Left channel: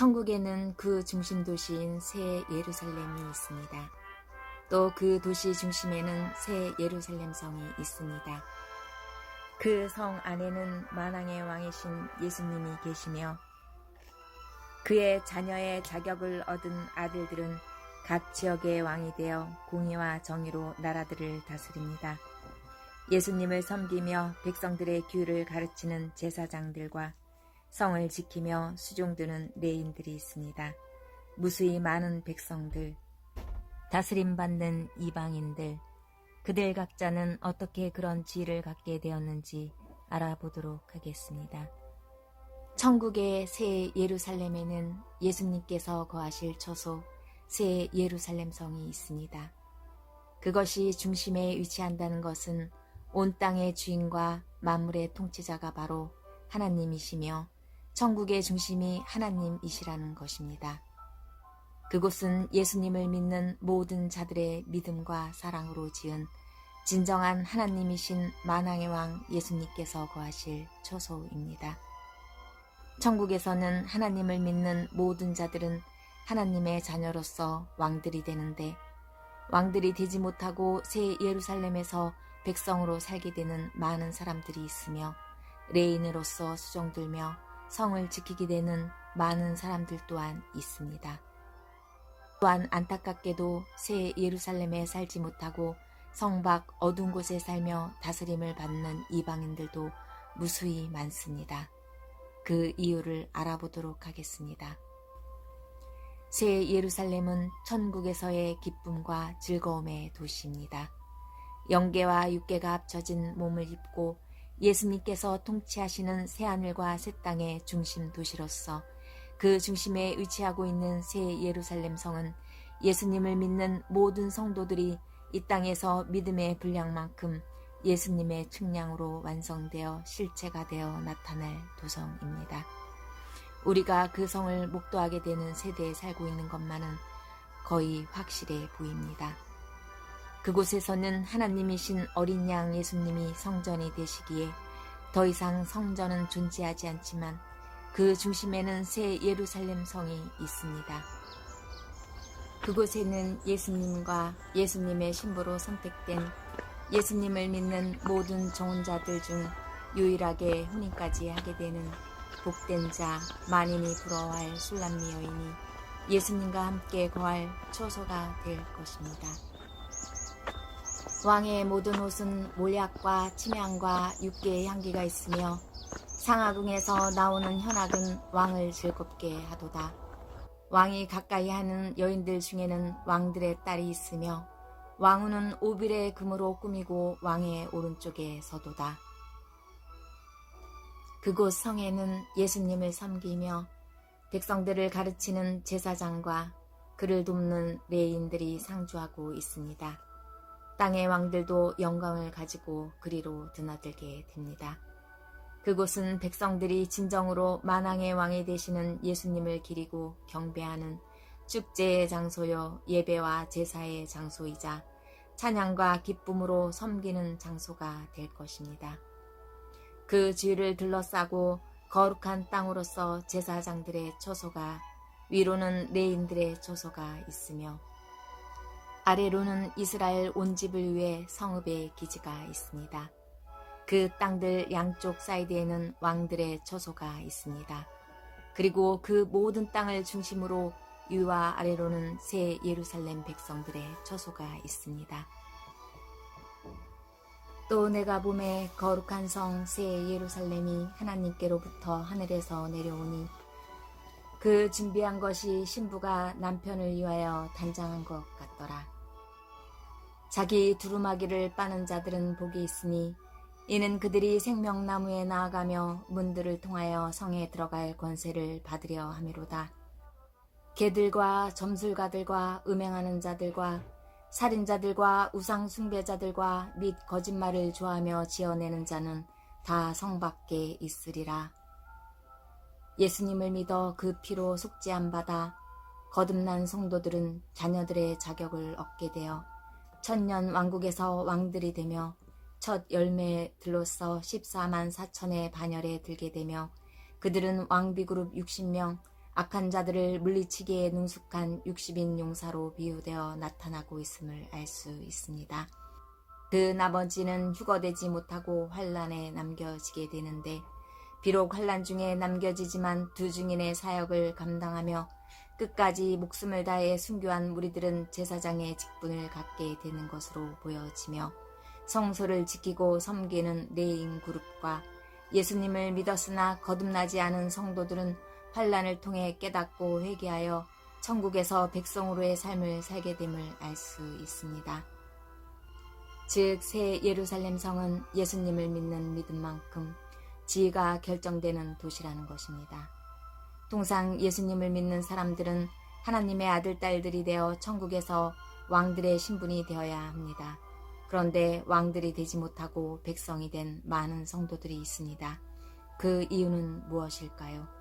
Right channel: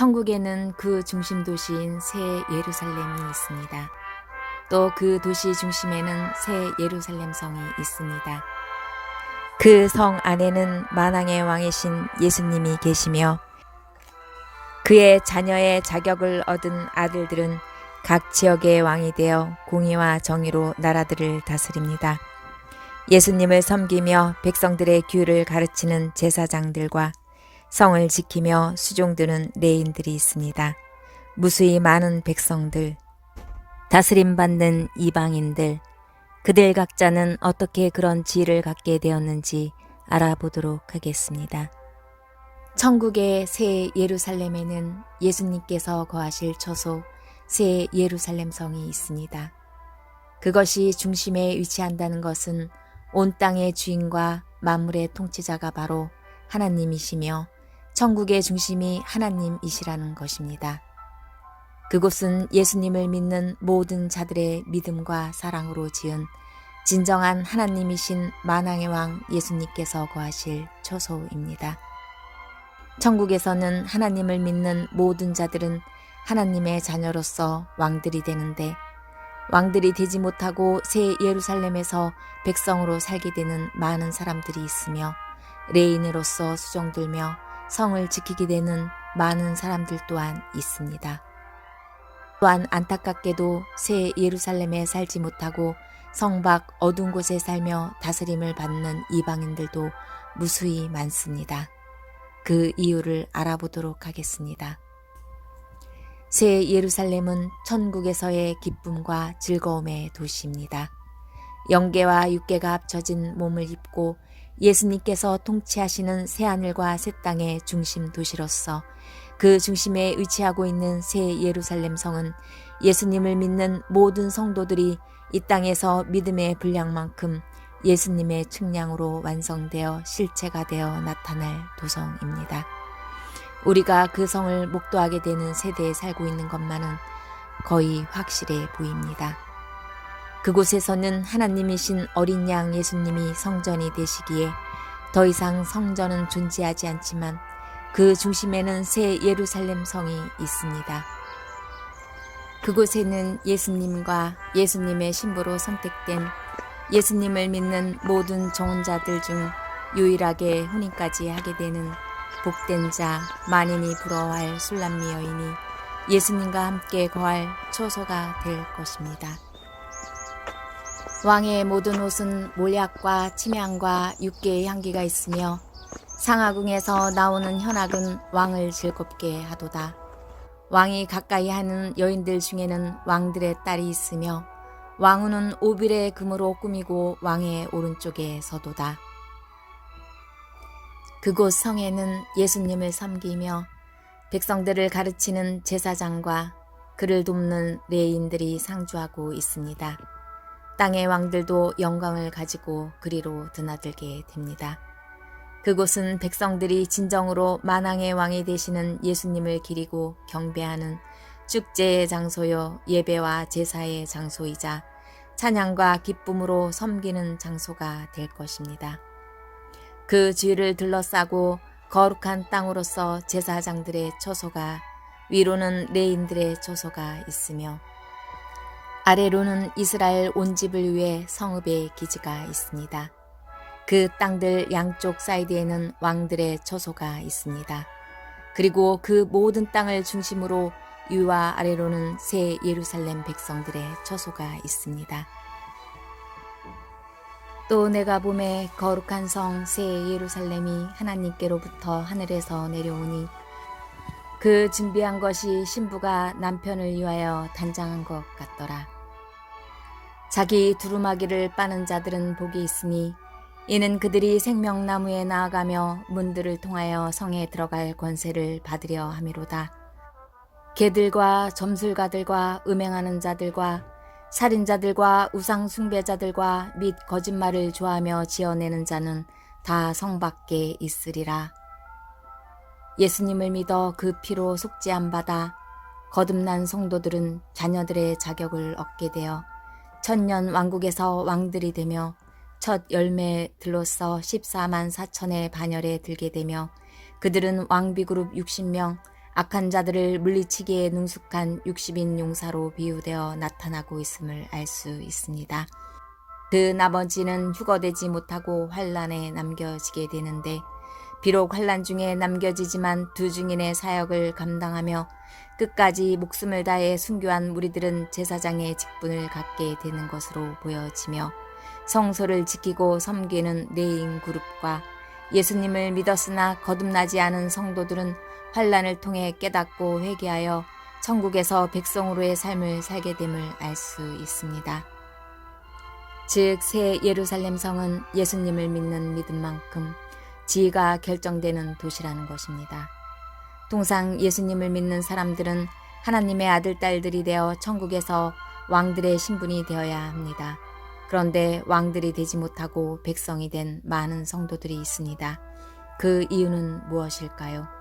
천국에는 그 중심 도시인 새 예루살렘이 있습니다. 또 그 도시 중심에는 새 예루살렘 성이 있습니다. 그 성 안에는 만왕의 왕이신 예수님이 계시며 그의 자녀의 자격을 얻은 아들들은 각 지역의 왕이 되어 공의와 정의로 나라들을 다스립니다. 예수님을 섬기며 백성들의 규를 가르치는 제사장들과 성을 지키며 수종드는 레인들이 있습니다. 무수히 많은 백성들, 다스림받는 이방인들, 그들 각자는 어떻게 그런 지위를 갖게 되었는지 알아보도록 하겠습니다. 천국의 새 예루살렘에는 예수님께서 거하실 처소 새 예루살렘 성이 있습니다. 그것이 중심에 위치한다는 것은 온 땅의 주인과 만물의 통치자가 바로 하나님이시며 천국의 중심이 하나님이시라는 것입니다. 그곳은 예수님을 믿는 모든 자들의 믿음과 사랑으로 지은 진정한 하나님이신 만왕의 왕 예수님께서 거하실 처소입니다. 천국에서는 하나님을 믿는 모든 자들은 하나님의 자녀로서 왕들이 되는데 왕들이 되지 못하고 새 예루살렘에서 백성으로 살게 되는 많은 사람들이 있으며 레인으로서 수종들며 성을 지키게 되는 많은 사람들 또한 있습니다. 또한 안타깝게도 새 예루살렘에 살지 못하고 성 밖 어두운 곳에 살며 다스림을 받는 이방인들도 무수히 많습니다. 그 이유를 알아보도록 하겠습니다. 새 예루살렘은 천국에서의 기쁨과 즐거움의 도시입니다. 영계와 육계가 합쳐진 몸을 입고 예수님께서 통치하시는 새하늘과 새 땅의 중심 도시로서 그 중심에 위치하고 있는 새 예루살렘 성은 예수님을 믿는 모든 성도들이 이 땅에서 믿음의 분량만큼 예수님의 측량으로 완성되어 실체가 되어 나타날 도성입니다. 우리가 그 성을 목도하게 되는 세대에 살고 있는 것만은 거의 확실해 보입니다. 그곳에서는 하나님이신 어린 양 예수님이 성전이 되시기에 더 이상 성전은 존재하지 않지만 그 중심에는 새 예루살렘 성이 있습니다. 그곳에는 예수님과 예수님의 신부로 선택된 예수님을 믿는 모든 정혼자들 중 유일하게 혼인까지 하게 되는 복된 자, 만인이 부러워할 술람미 여인이 예수님과 함께 거할 처소가 될 것입니다. 왕의 모든 옷은 몰약과 침향과 육계의 향기가 있으며 상하궁에서 나오는 현악은 왕을 즐겁게 하도다. 왕이 가까이 하는 여인들 중에는 왕들의 딸이 있으며 왕후는 오빌의 금으로 꾸미고 왕의 오른쪽에 서도다. 그곳 성에는 예수님을 섬기며 백성들을 가르치는 제사장과 그를 돕는 레인들이 상주하고 있습니다. 땅의 왕들도 영광을 가지고 그리로 드나들게 됩니다. 그곳은 백성들이 진정으로 만왕의 왕이 되시는 예수님을 기리고 경배하는 축제의 장소요 예배와 제사의 장소이자 찬양과 기쁨으로 섬기는 장소가 될 것입니다. 그 주위를 둘러싸고 거룩한 땅으로서 제사장들의 처소가 위로는 레인들의 처소가 있으며 아래로는 이스라엘 온 집을 위해 성읍의 기지가 있습니다. 그 땅들 양쪽 사이드에는 왕들의 처소가 있습니다. 그리고 그 모든 땅을 중심으로 위와 아래로는 새 예루살렘 백성들의 처소가 있습니다. 또 내가 봄에 거룩한 성 새 예루살렘이 하나님께로부터 하늘에서 내려오니 그 준비한 것이 신부가 남편을 위하여 단장한 것 같더라. 자기 두루마기를 빠는 자들은 복이 있으니 이는 그들이 생명나무에 나아가며 문들을 통하여 성에 들어갈 권세를 받으려 함이로다. 개들과 점술가들과 음행하는 자들과 살인자들과 우상 숭배자들과 및 거짓말을 좋아하며 지어내는 자는 다 성 밖에 있으리라. 예수님을 믿어 그 피로 속죄함 받아 거듭난 성도들은 자녀들의 자격을 얻게 되어 천년 왕국에서 왕들이 되며 첫 열매들로서 14만 4천의 반열에 들게 되며 그들은 왕비그룹 60명, 악한 자들을 물리치기에 능숙한 60인 용사로 비유되어 나타나고 있음을 알 수 있습니다. 그 나머지는 휴거되지 못하고 환란에 남겨지게 되는데, 비록 환란 중에 남겨지지만 두 증인의 사역을 감당하며 끝까지 목숨을 다해 순교한 무리들은 제사장의 직분을 갖게 되는 것으로 보여지며, 성소를 지키고 섬기는 레인 그룹과 예수님을 믿었으나 거듭나지 않은 성도들은 환란을 통해 깨닫고 회개하여 천국에서 백성으로의 삶을 살게 됨을 알 수 있습니다. 즉, 새 예루살렘 성은 예수님을 믿는 믿음만큼 지위가 결정되는 도시라는 것입니다. 통상 예수님을 믿는 사람들은 하나님의 아들, 딸들이 되어 천국에서 왕들의 신분이 되어야 합니다. 그런데 왕들이 되지 못하고 백성이 된 많은 성도들이 있습니다. 그 이유는 무엇일까요?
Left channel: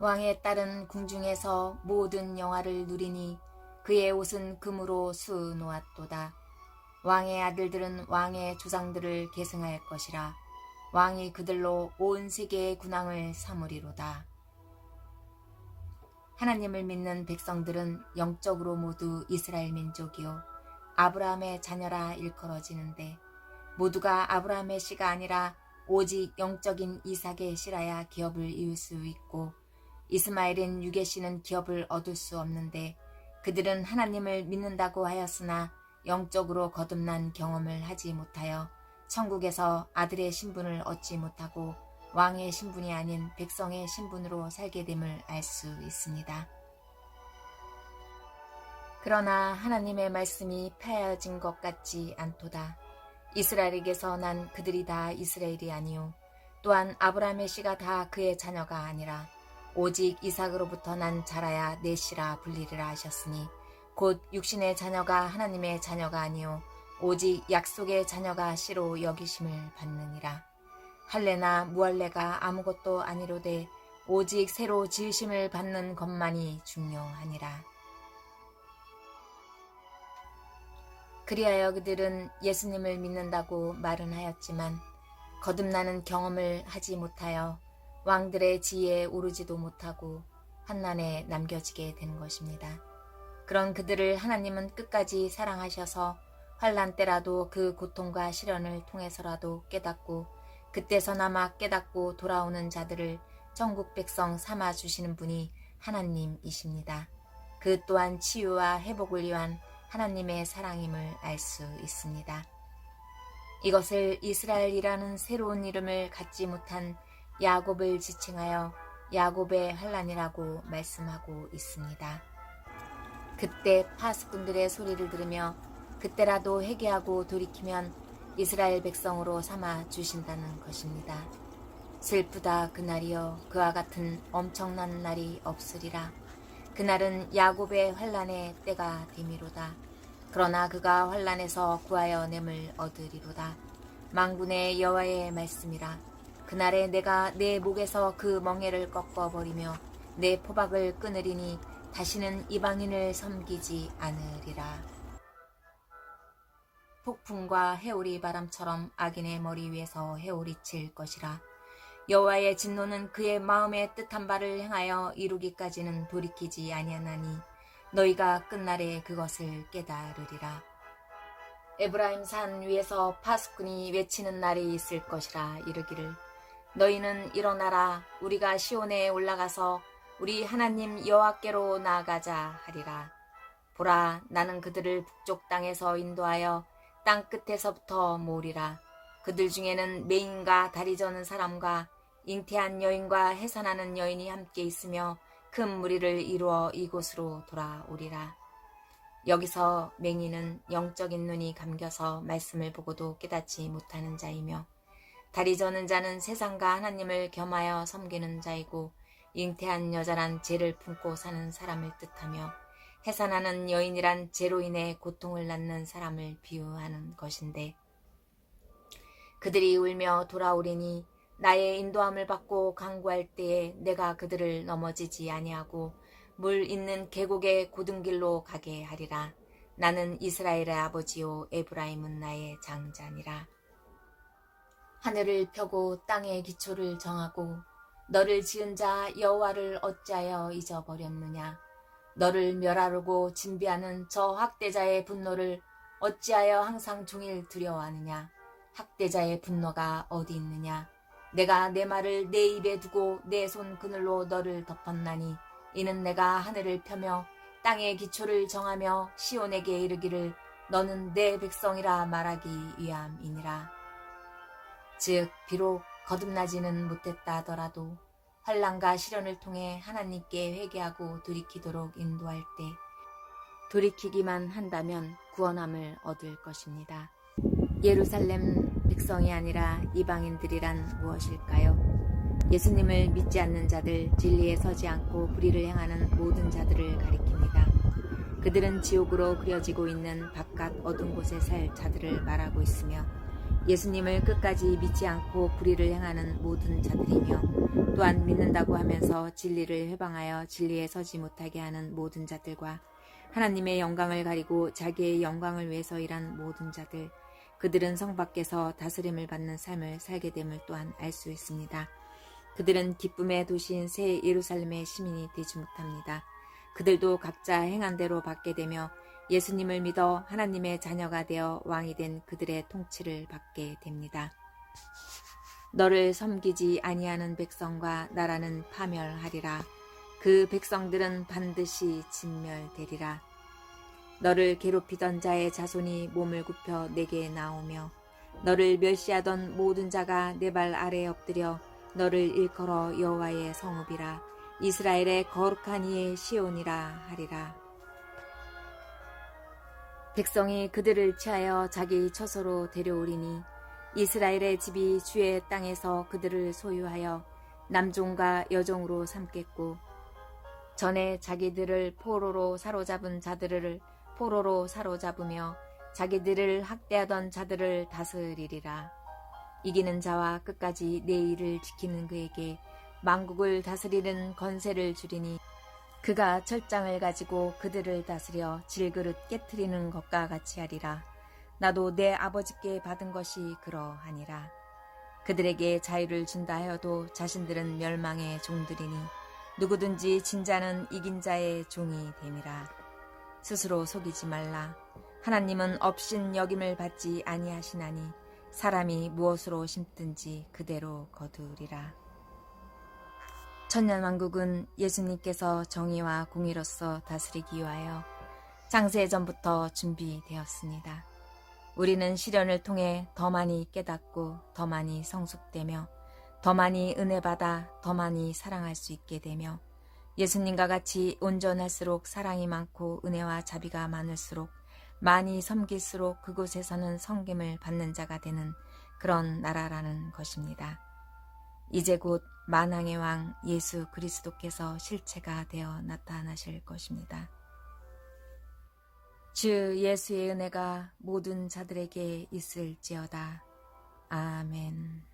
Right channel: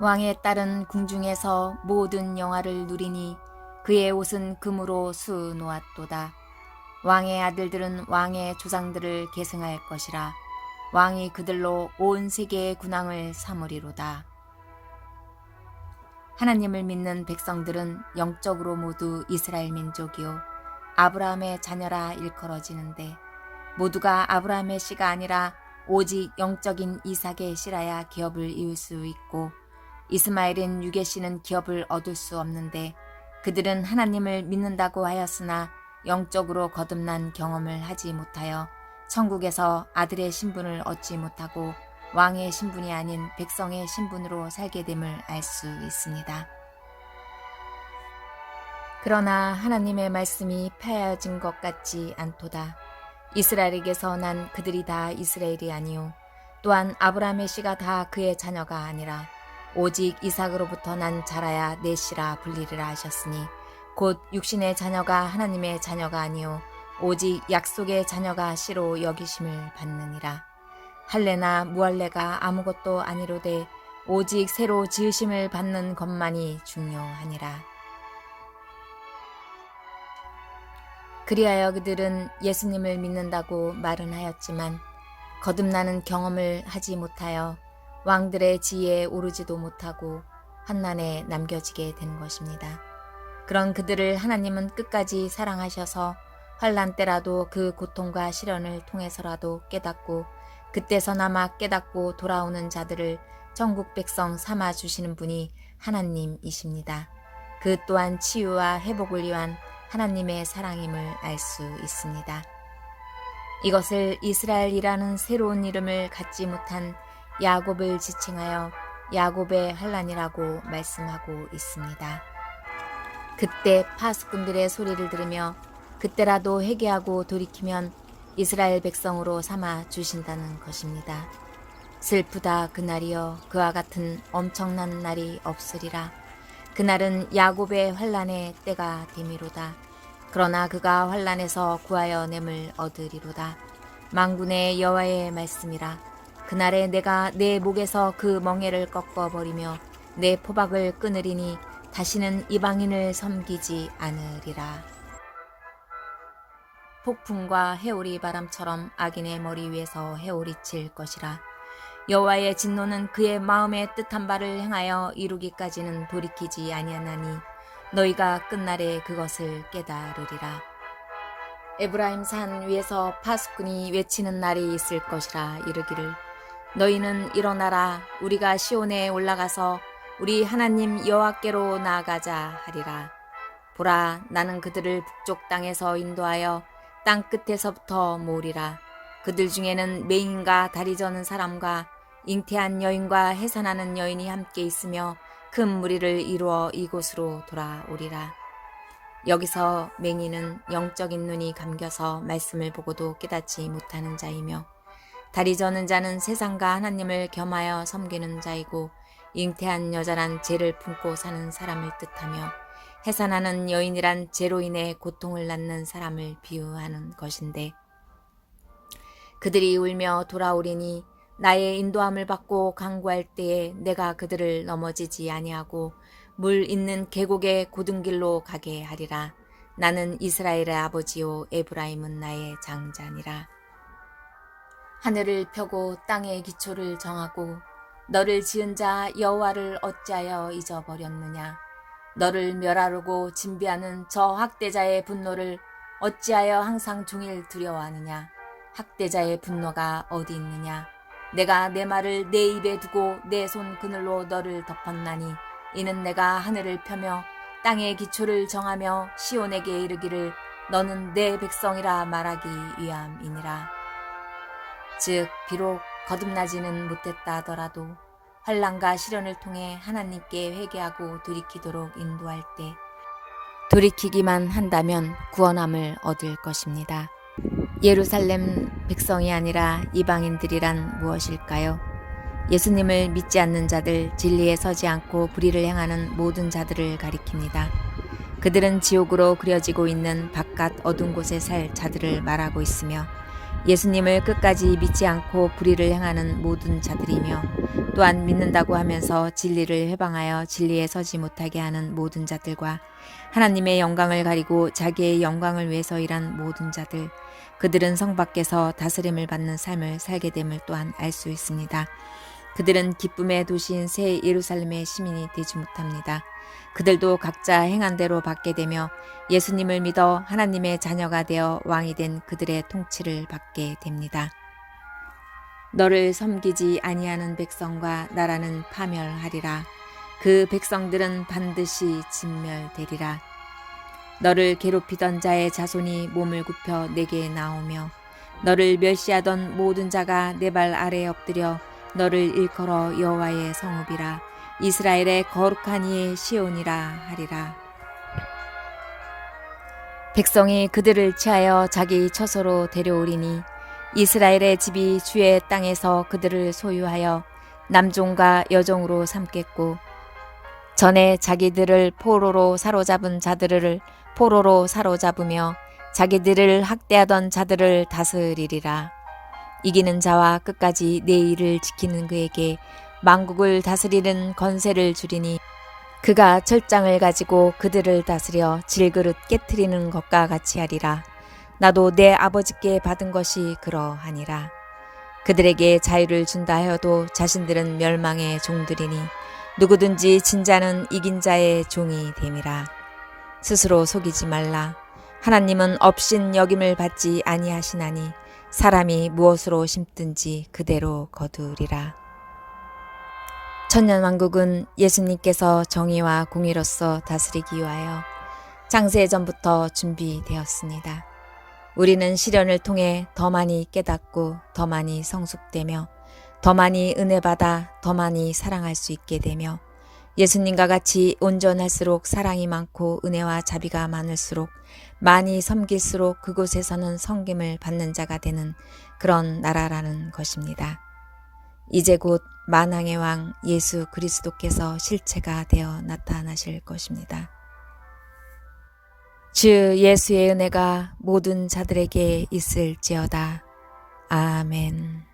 왕의 딸은 궁중에서 모든 영화를 누리니 그의 옷은 금으로 수 놓았도다. 왕의 아들들은 왕의 조상들을 계승할 것이라. 왕이 그들로 온 세계의 군왕을 삼으리로다. 하나님을 믿는 백성들은 영적으로 모두 이스라엘 민족이요 아브라함의 자녀라 일컬어지는데, 모두가 아브라함의 씨가 아니라 오직 영적인 이삭의 씨라야 기업을 이을 수 있고, 이스마엘인 육의 씨는 기업을 얻을 수 없는데, 그들은 하나님을 믿는다고 하였으나 영적으로 거듭난 경험을 하지 못하여 천국에서 아들의 신분을 얻지 못하고 왕의 신분이 아닌 백성의 신분으로 살게 됨을 알 수 있습니다. 그러나 하나님의 말씀이 폐하여진 것 같지 않도다. 이스라엘에게서 난 그들이 다 이스라엘이 아니요 또한 아브라함의 씨가 다 그의 자녀가 아니라 오직 이삭으로부터 난 자라야 내 씨라 불리리라 하셨으니, 곧 육신의 자녀가 하나님의 자녀가 아니요 오직 약속의 자녀가 씨로 여기심을 받느니라. 할례나 무할례가 아무것도 아니로되 오직 새로 지으심을 받는 것만이 중요하니라. 그리하여 그들은 예수님을 믿는다고 말은 하였지만 거듭나는 경험을 하지 못하여 왕들의 지위에 오르지도 못하고 환난에 남겨지게 된 것입니다. 그런 그들을 하나님은 끝까지 사랑하셔서 환난 때라도 그 고통과 시련을 통해서라도 깨닫고 그때서나마 깨닫고 돌아오는 자들을 천국 백성 삼아 주시는 분이 하나님이십니다. 그 또한 치유와 회복을 위한 하나님의 사랑임을 알 수 있습니다. 이것을 이스라엘이라는 새로운 이름을 갖지 못한 야곱을 지칭하여 야곱의 환난이라고 말씀하고 있습니다. 그때 파수꾼들의 소리를 들으며 그때라도 회개하고 돌이키면 이스라엘 백성으로 삼아 주신다는 것입니다. 슬프다 그날이여, 그와 같은 엄청난 날이 없으리라. 그날은 야곱의 환난의 때가 됨이로다. 그러나 그가 환난에서 구하여 냄을 얻으리로다. 만군의 여호와의 말씀이라. 그날에 내가 내 목에서 그 멍에를 꺾어버리며 내 포박을 끊으리니 다시는 이방인을 섬기지 않으리라. 폭풍과 해오리 바람처럼 악인의 머리 위에서 해오리 칠 것이라. 여호와의 진노는 그의 마음에 뜻한 바를 행하여 이루기까지는 돌이키지 아니하나니 너희가 끝날에 그것을 깨달으리라. 에브라임 산 위에서 파수꾼이 외치는 날이 있을 것이라. 이르기를 너희는 일어나라, 우리가 시온에 올라가서 우리 하나님 여호와께로 나아가자 하리라. 보라, 나는 그들을 북쪽 땅에서 인도하여 땅 끝에서부터 모으리라. 그들 중에는 맹인과 다리 저는 사람과 잉태한 여인과 해산하는 여인이 함께 있으며 큰 무리를 이루어 이곳으로 돌아오리라. 여기서 맹인은 영적인 눈이 감겨서 말씀을 보고도 깨닫지 못하는 자이며, 다리 저는 자는 세상과 하나님을 겸하여 섬기는 자이고, 잉태한 여자란 죄를 품고 사는 사람을 뜻하며, 해산하는 여인이란 죄로 인해 고통을 낳는 사람을 비유하는 것인데, 그들이 울며 돌아오리니 나의 인도함을 받고 강구할 때에 내가 그들을 넘어지지 아니하고 물 있는 계곡의 고든 길로 가게 하리라. 나는 이스라엘의 아버지요 에브라임은 나의 장자니라. 하늘을 펴고 땅의 기초를 정하고 너를 지은 자 여호와를 어찌하여 잊어버렸느냐? 너를 멸하려고 진비하는 저 학대자의 분노를 어찌하여 항상 종일 두려워하느냐? 학대자의 분노가 어디 있느냐? 내가 내 말을 내 입에 두고 내 손 그늘로 너를 덮었나니 이는 내가 하늘을 펴며 땅의 기초를 정하며 시온에게 이르기를 너는 내 백성이라 말하기 위함이니라. 즉 비록 거듭나지는 못했다 하더라도 환난과 시련을 통해 하나님께 회개하고 돌이키도록 인도할 때 돌이키기만 한다면 구원함을 얻을 것입니다. 예루살렘 백성이 아니라 이방인들이란 무엇일까요? 예수님을 믿지 않는 자들, 진리에 서지 않고 불의를 행하는 모든 자들을 가리킵니다. 그들은 지옥으로 그려지고 있는 바깥 어두운 곳에 살 자들을 말하고 있으며 예수님을 끝까지 믿지 않고 불의를 행하는 모든 자들이며 또한 믿는다고 하면서 진리를 회방하여 진리에 서지 못하게 하는 모든 자들과 하나님의 영광을 가리고 자기의 영광을 위해서 일한 모든 자들, 그들은 성 밖에서 다스림을 받는 삶을 살게 됨을 또한 알 수 있습니다. 그들은 기쁨의 도시인 새 예루살렘의 시민이 되지 못합니다. 그들도 각자 행한 대로 받게 되며 예수님을 믿어 하나님의 자녀가 되어 왕이 된 그들의 통치를 받게 됩니다. 너를 섬기지 아니하는 백성과 나라는 파멸하리라. 그 백성들은 반드시 진멸되리라. 너를 괴롭히던 자의 자손이 몸을 굽혀 내게 나오며 너를 멸시하던 모든 자가 내 발 아래에 엎드려 너를 일컬어 여호와의 성읍이라 이스라엘의 거룩한 이의 시온이라 하리라. 백성이 그들을 취하여 자기 처소로 데려오리니 이스라엘의 집이 주의 땅에서 그들을 소유하여 남종과 여종으로 삼겠고 전에 자기들을 포로로 사로잡은 자들을 포로로 사로잡으며 자기들을 학대하던 자들을 다스리리라. 이기는 자와 끝까지 내 일을 지키는 그에게 만국을 다스리는 권세를 주리니 그가 철장을 가지고 그들을 다스려 질그릇 깨트리는 것과 같이 하리라. 나도 내 아버지께 받은 것이 그러하니라. 그들에게 자유를 준다 하여도 자신들은 멸망의 종들이니 누구든지 진 자는 이긴 자의 종이 됨이라. 스스로 속이지 말라. 하나님은 업신 여김을 받지 아니하시나니 사람이 무엇으로 심든지 그대로 거두리라. 천년왕국은 예수님께서 정의와 공의로서 다스리기 위하여 창세전부터 준비되었습니다. 우리는 시련을 통해 더 많이 깨닫고 더 많이 성숙되며 더 많이 은혜받아 더 많이 사랑할 수 있게 되며 예수님과 같이 온전할수록 사랑이 많고 은혜와 자비가 많을수록 많이 섬길수록 그곳에서는 섬김을 받는 자가 되는 그런 나라라는 것입니다. 이제 곧 만왕의 왕 예수 그리스도께서 실체가 되어 나타나실 것입니다. 주 예수의 은혜가 모든 자들에게 있을지어다. 아멘.